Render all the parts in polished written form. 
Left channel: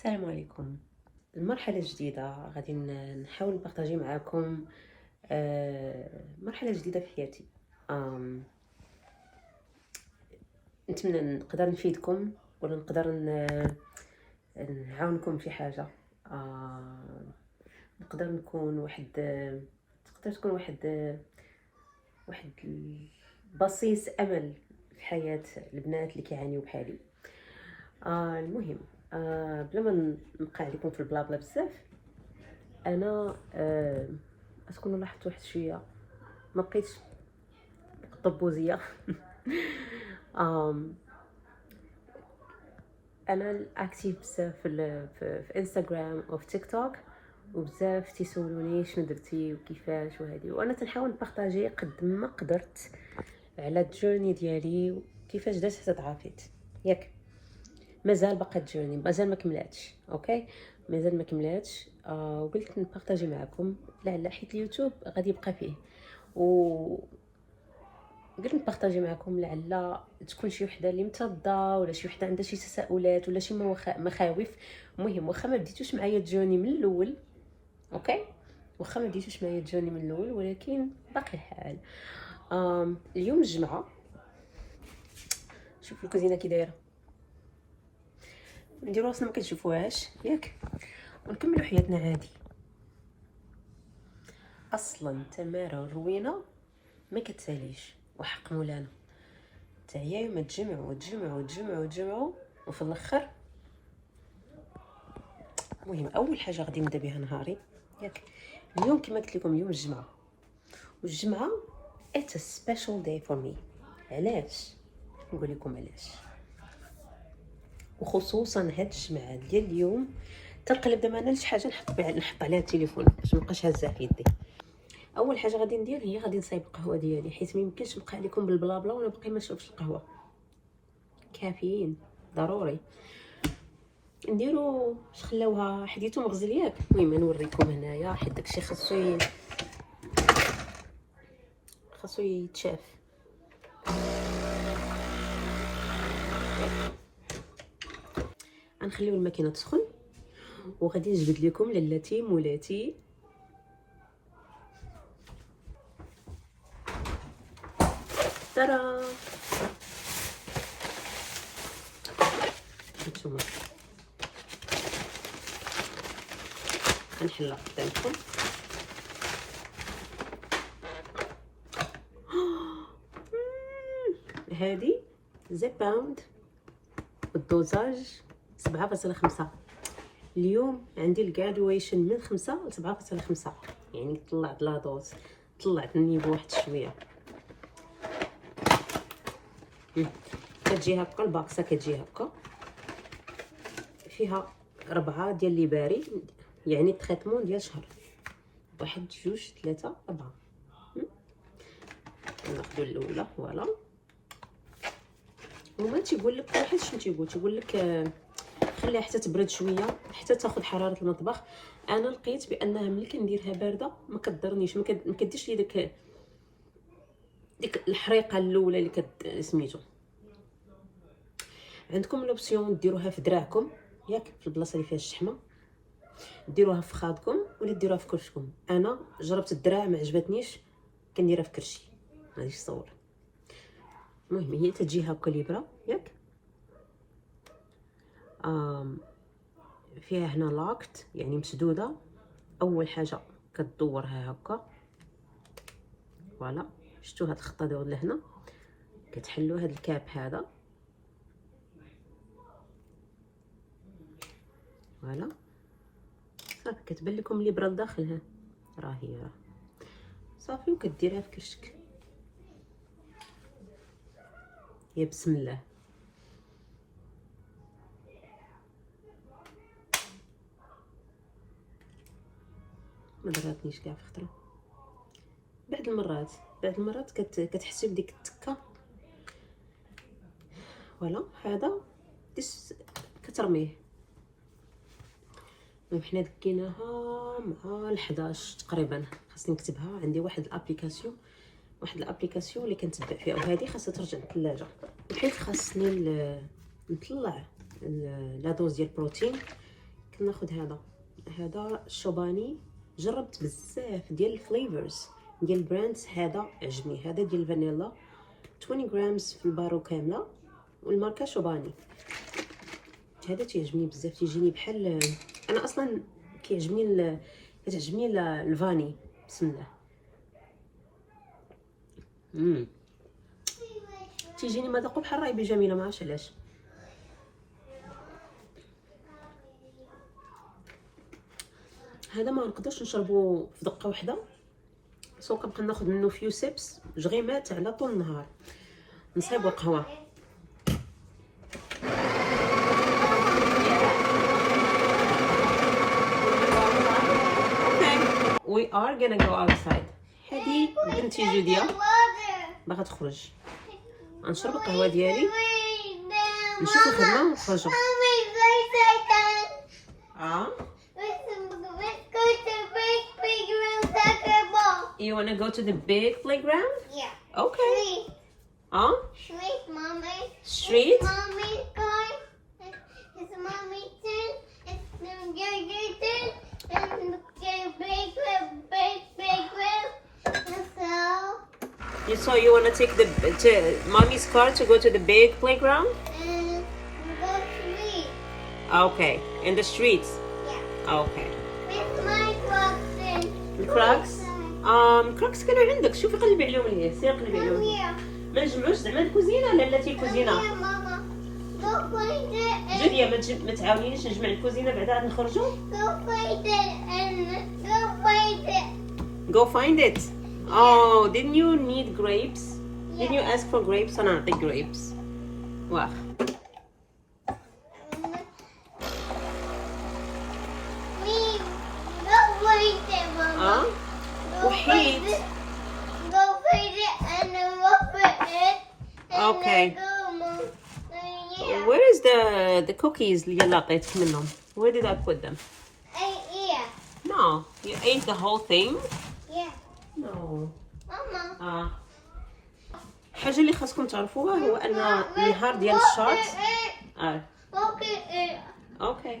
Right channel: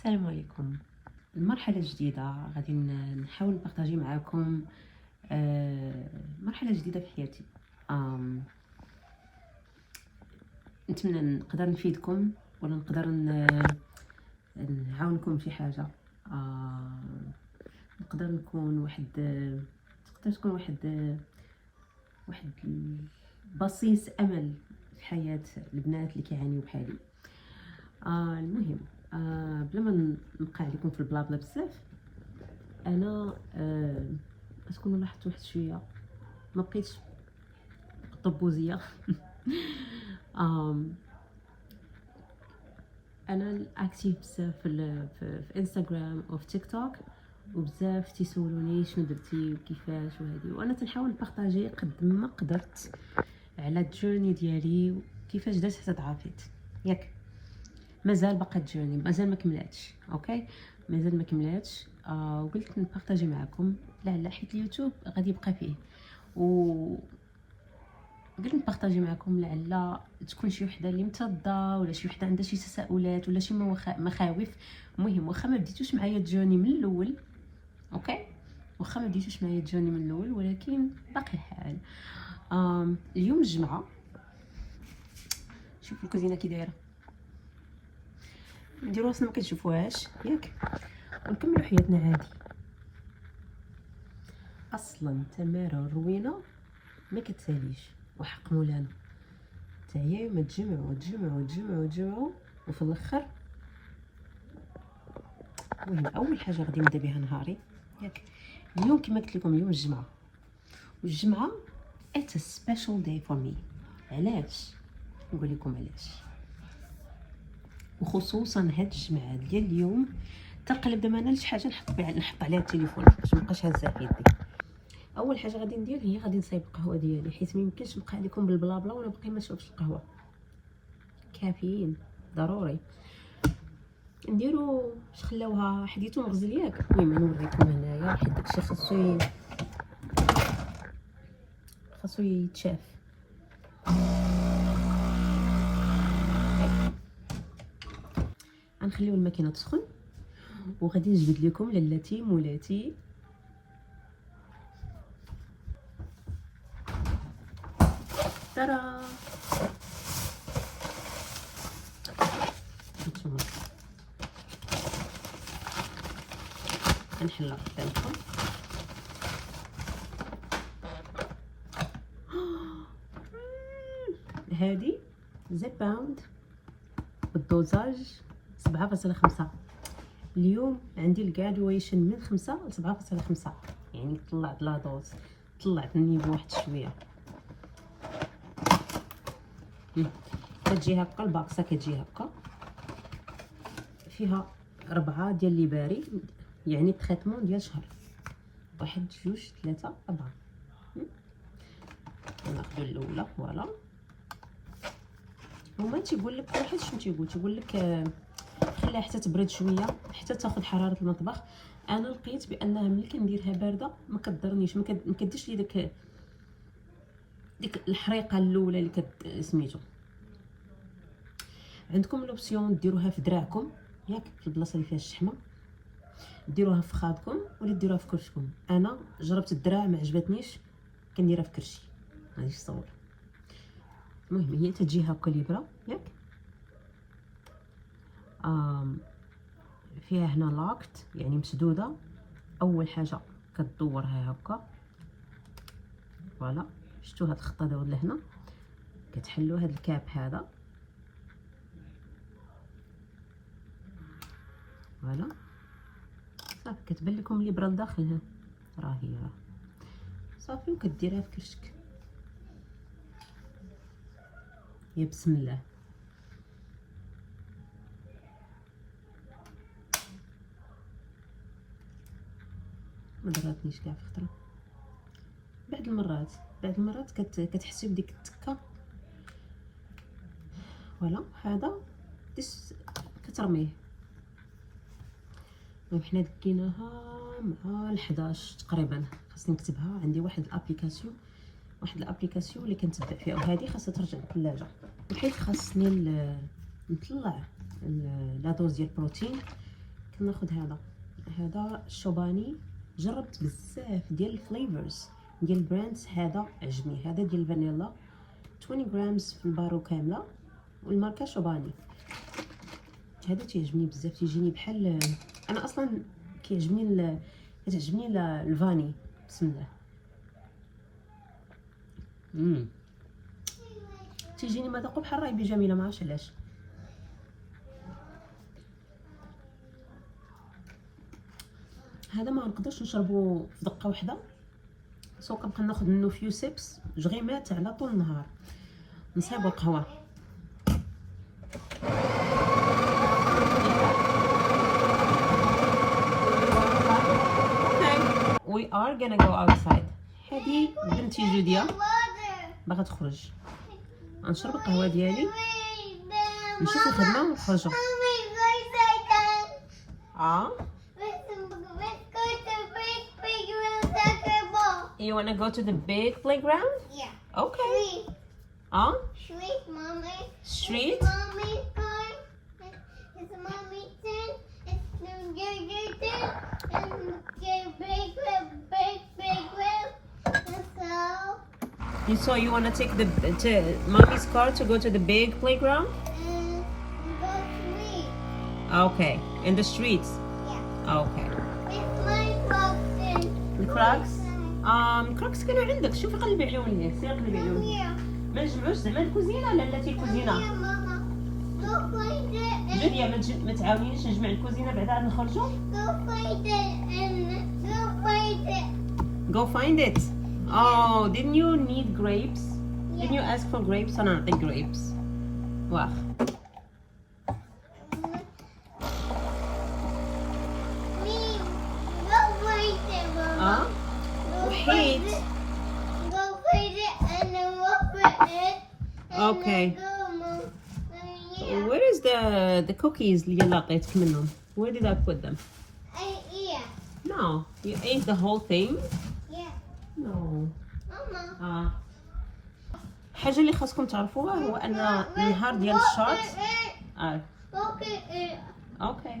السلام عليكم. المرحلة الجديدة غادي نحاول نبارطاجي معاكم مرحلة جديدة في حياتي. نتمنى نقدر نفيدكم ولا نقدر نعاونكم في حاجة. نقدر نكون واحد تقدر تكون واحد بصيص امل في حياة البنات اللي كيعانيو بحالي. المهم، بلا ما نبقى عليكم في البلا بلا بزاف، انا تكونوا لاحظتوا واحد شويه ما بقيتش طبوزيه. آم، انا اكتيف بزاف في انستغرام وفي تيك توك، وبزاف تيسولوني شنو درتي وكيفاش وهذه، وانا تنحاول نبارطاجي قد ما قدرت على الجورني ديالي وكيفاش درت حتى تعافيت. ياك مازال باقا الجورني مازال ما كملاتش، اوكي مازال ما كملاتش. وقلت نبارطاجي معكم لعل حيت اليوتيوب غادي يبقى فيه، و قلت نبارطاجي معكم لعل تكون شي وحده اللي متضده ولا شي وحده عندها شي تساؤلات ولا شي مخاوف. المهم واخا ما بديتوش معايا الجورني من الاول، اوكي واخا ما بديتوش معايا الجورني من الاول، ولكن باقي الحال. اليوم الجمعه، شوفوا الكوزينه كي دايره، نديرو راسنا ما كنشوفوهاش ياك، ونكملوا حياتنا عادي. اصلا تماره روينه ما كتساليش، وحق مولانا تعياو ما تجمعوا وتجمعوا وتجمعوا وتجمعوا وفي الاخر. المهم اول حاجه غادي نبدا بها نهاري ياك اليوم كما قلت لكم، اليوم الجمعه، والجمعه it's a special day for me. علاش؟ نقول لكم علاش. وخصوصا هاد الجمعه ديال اليوم تنقلب دابا انا لشي حاجه نحط عليها التليفون باش مابقاش هازه في يدي. اول حاجه غادي ندير هي غادي نصايب القهوه ديالي، حيت ما يمكنش نبقى عليكم بالبلا بلا وانا باقي ما شربتش القهوه. كافيين ضروري. نديرو خلاوها حديتو مغزل ياك. المهم نوريكم هنايا حيت داكشي خاصو يتشاف. غنخليو الماكينه تسخن وغادي نجبد لكم للاتي مولاتي ترى. هانتوما غنحلها قدامكم. هادي زي باوند بالدوزاج 7.5. اليوم عندي الجرادويشن من 5 ل 7.5، يعني طلعت لا دوز، طلعت النيفو واحد شويه. كتجي هكا الباكسه، كتجي هكا فيها 4 ديال لي باري، يعني تريتمون ديال شهر. 1 2 3 4. ناخذ الاولى فوالا. هما تيقول لك واحد شنو تيقول لك خليها حتى تبرد شويه حتى تاخذ حراره المطبخ. انا لقيت بانها ملي كنديرها بارده ما كضرنيش، ما كديرش لي ديك الحريقه الاولى اللي سميتو. عندكم لوبسيون ديروها في دراعكم ياك، في البلاصه اللي فيها الشحمه، ديروها في خادكم ولا ديروها في كرشكم. انا جربت الدراع ما عجبتنيش، كنديرها في كرشي. غادي تصور. المهم هي تجي هكا ليبره ياك. فيها هنا لاكت يعني مسدوده. اول حاجه كتدورها هكا فوالا. شفتوا هاد الخطه داود لهنا، كتحلوا هاد الكاب هذا فوالا صافي. كتبان لكم الابره لداخلها، راه هي صافي. وكديرها في كرشك. يا بسم الله. ما ضراتنيش كاع في خطره. بعد المرات كتحسي بديك التكه فوالا. هذا كترميه. المهم حنا دكيناها مع 11 تقريبا. خاصني نكتبها، عندي واحد الابليكاسيون اللي كنتبع فيها، وهذه خاصها ترجع للثلاجه. وحيت خاصني نطلع لا دوز ديال البروتين، ناخذ هذا الشوباني. جربت بزاف ديال الفليفرز ديال البراندز، هذا عجبني. هذا ديال الفانيلا 20 غرامز في البارو كامله، والماركه شوباني. هذا تيعجبني بزاف، تيجيني بحال انا اصلا كتعجبني الفاني. بسم الله. تيجيني مذاقو بحال رايبي جميله، ما عرفتش علاش. هذا ما نقدرش نشربو في دقه واحده، سو كنبقى ناخذ منه فيو سيبس جغيمات على طول النهار. نصايب القهوه. We are gonna go outside. هذه بنتي جوديا باغا تخرج. غنشرب القهوه ديالي، نشوف الخدمه ونخرجوا. You wanna go to the big playground? Yeah. Okay. Street, mommy. Street? Mommy's car. It's mommy's turn. It's your turn. And the big room. So you wanna take mommy's car to go to the big playground? And we go street. Okay. In the streets? Yeah. Okay. It's my Crocs. الكراكس. الكراكس كانوا عندك، شوفي قلبي عليهم ليه، سير قلبي عليهم. Here. ما نجمعوش زعما الكوزينه، لا بلاتي الكوزينه. Here, Mama. Go find it. جوديا ما تعاونينيش نجمع الكوزينه بعدا عاد نخرجوا. Go find it and go find it. Go find it. Oh, didn't you need grapes? Didn't you ask for grapes? أنا نعطيك grapes. واخ. Please, go find it, Mama. Go وحيد. find it. Go find it and then we'll put it. And Okay. then go, Mom. Yeah. Where is the cookies اللي لقيتك منهم? Where did I put them? Yeah. No, you ate the whole thing. Yeah. No. Mama. الحاجة اللي خاصكم تعرفوها هو أن النهار ديال الشاط. Okay. اوكي. Okay.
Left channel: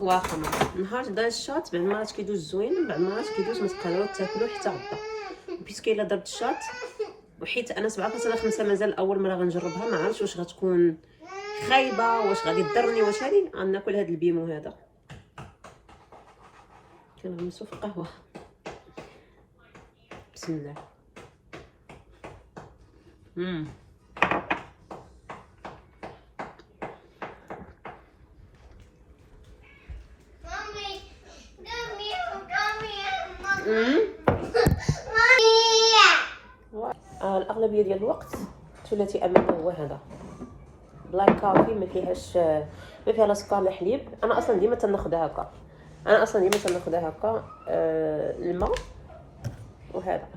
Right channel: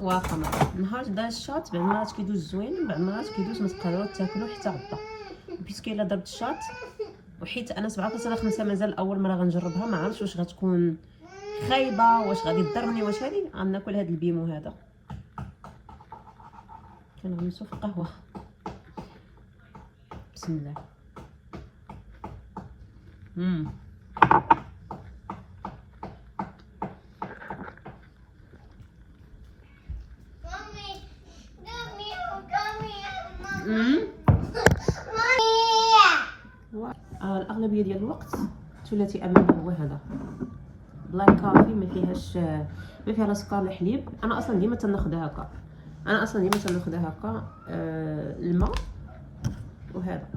واخا النهار ديال الشاط بعض المرات كيدوز زوين، بعض المرات كيدوز ما تقدروا تاكلوا حتى غدا. بيسكو الا ضربت الشاط، وحيت انا 7.5 مازال اول مره غنجربها، ما عرفتش واش غتكون خايبه، واش غادي تضرني، واش هادي. غناكل هاد البيمو هذا. كنغمسو في القهوه. بسم الله. Mommy, come here. الاغلبيه ديال الوقت ثلاثي امامي هو هذا بلاك كوفي، ما فيها لا سكر لا حليب. انا اصلا ديما تناخذها هكا. الماء وهذا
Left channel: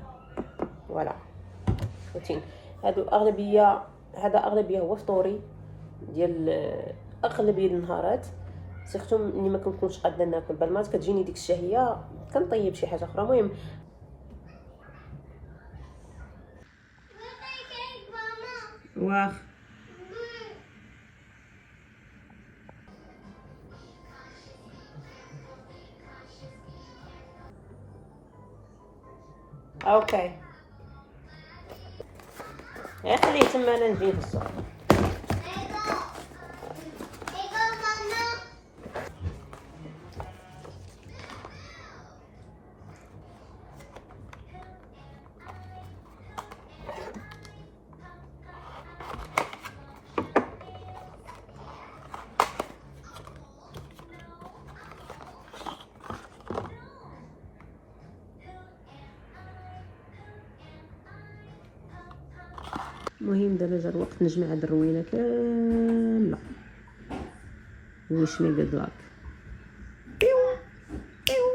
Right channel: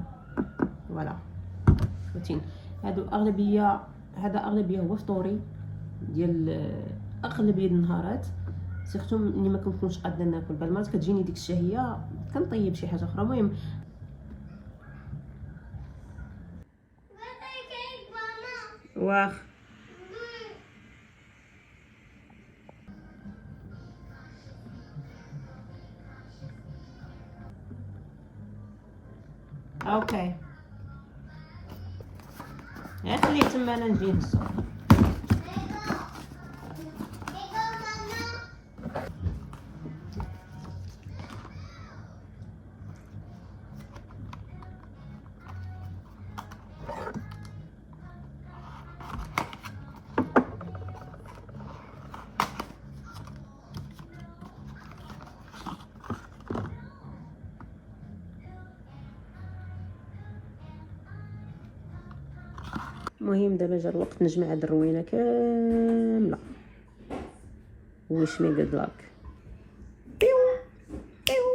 فوالا روتين. هذا اغلبيه هو فطوري ديال اغلبيه النهارات، سيرتو ملي ما كنكونش قادره ناكل. بالمات كتجيني ديك الشهيه كنطيب شي حاجه اخرى. المهم واخ اوكي. خليه تما انا نجي نهزو. المهم دابا جا الوقت نجمع هاد الروينه كامله. ويش مي جود لاك. بيو بيو.